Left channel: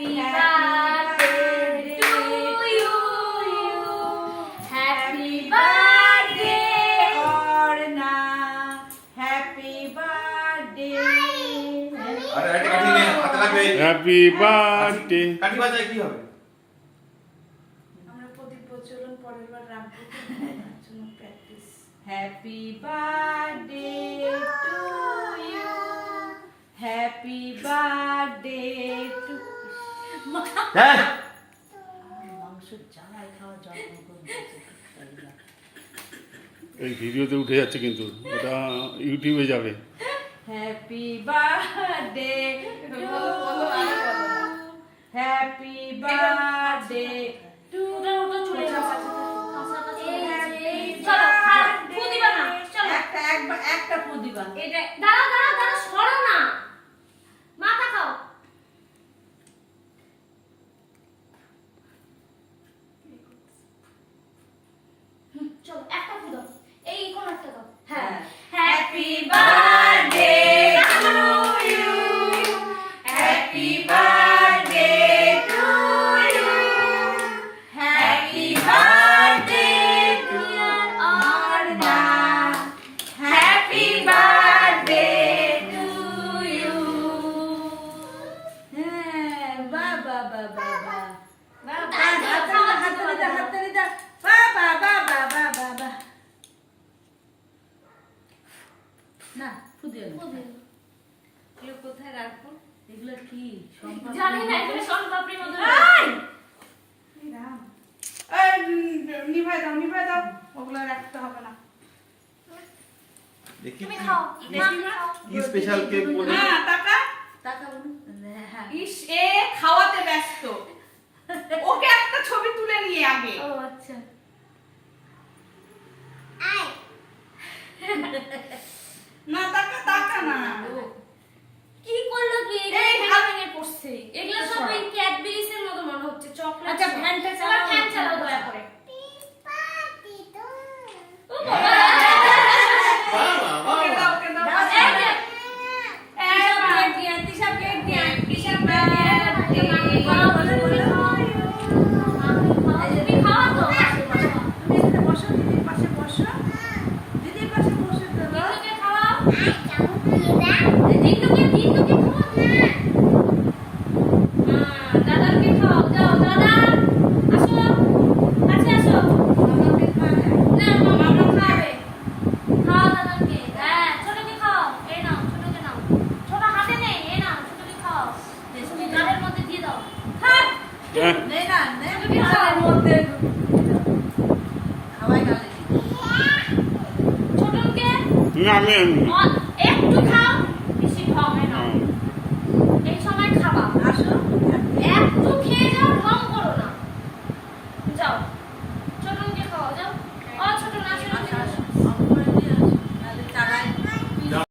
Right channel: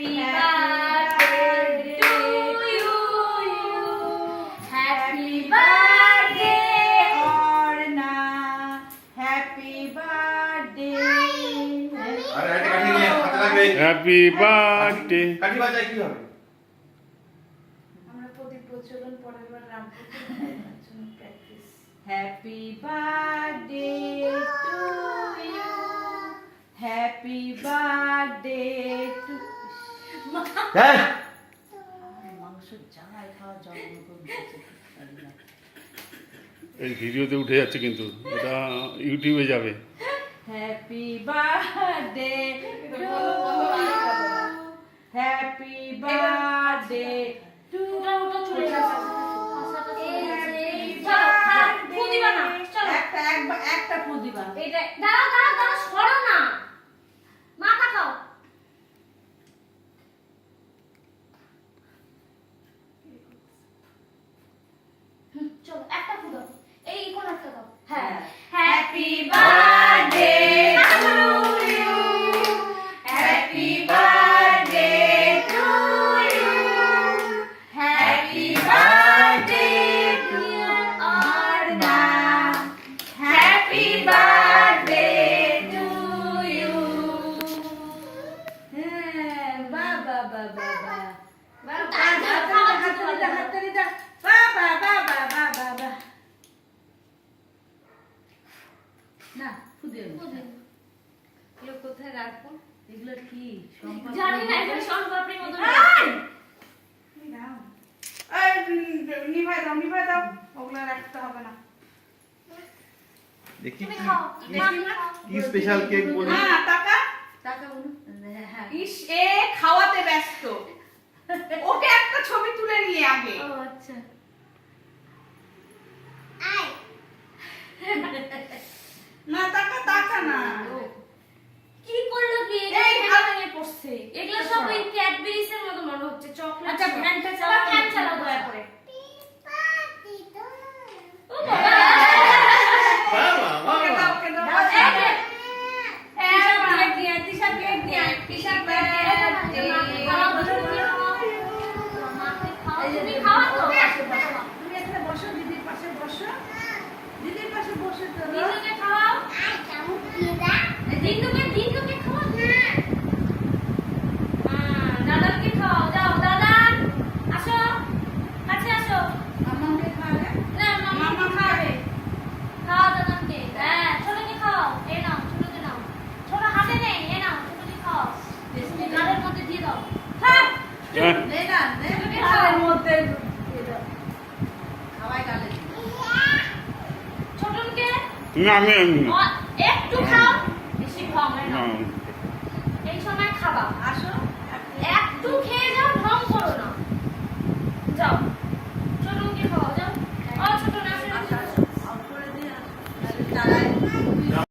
Happy birthday to you. Happy birthday Orna. Happy birthday. আরে এটা কাটি নে হাতে লাগবে হ্যাপি বার্থডে। কাটি বাজায় কি হবে আমরা প্রদীপ প্রজ্বলন পরের বার রাখবো জন্য practice Happy birthday to you. Happy birthday to হ্যাঁ মাংস জামাই খাওয়া জন্ম এই ভিডিওতে উঠে যাচ্ছে কিন্তু ওটা ইউটিউবে যাবে। Happy birthday to you. Happy birthday to ওটা চলে যাচ্ছে চলো ফু দিবা না চলো একটা ফু দিবা। এটা দাঁড়া সরো না মাথা খাও চলো একটা ফু দাও এই কোন একটা দাও হ্যাঁ happy birthday to you happy birthday to you happy birthday to Arna happy birthday to you হ্যাঁ বাবা বাবা বাবা হাততালি দাও হাততালি দাও বাবা বাবা বাবা বাবা না ফু দিও না এগুলো কোথায় রাখবো এগুলো কি সম্মান জানি না এটা শনপাপড়ির মতো নিভাই দাও ওগুলো রাখতে হবে না দেখি তুমি খাও কি স্পেশাল কেক বলে টাকা বলুন হ্যাঁ ইস এ খাওয়াতে ব্যস্ত ওকে একটা ছবি তুলে নিয়ে আগে ও আচ্ছা না টাকা না কি করলো কি এই ভাবে পড়ছে এগুলো সব ওই ক্যাডবেরিজ এর মতো মনে হচ্ছে চকলেট আচ্ছা, ফ্যানটা চালাও, ফ্যান চালাও দয়া করে ও ওকে দাও ওকে দাও তুমি এখানে বসো দিদির পাশে বসো দিদির পাশে বসে দাও আমাকে খাওয়াবে হ্যাঁ নে না নে গালের মধ্যে খাওয়াই গালে না আমি একটু খাও বেশি খাও না হ্যাঁ। এই সময় খাবা আসো একটু খেয়ে যাও ঢং করো না যাও ছোট মুখে খাও যাও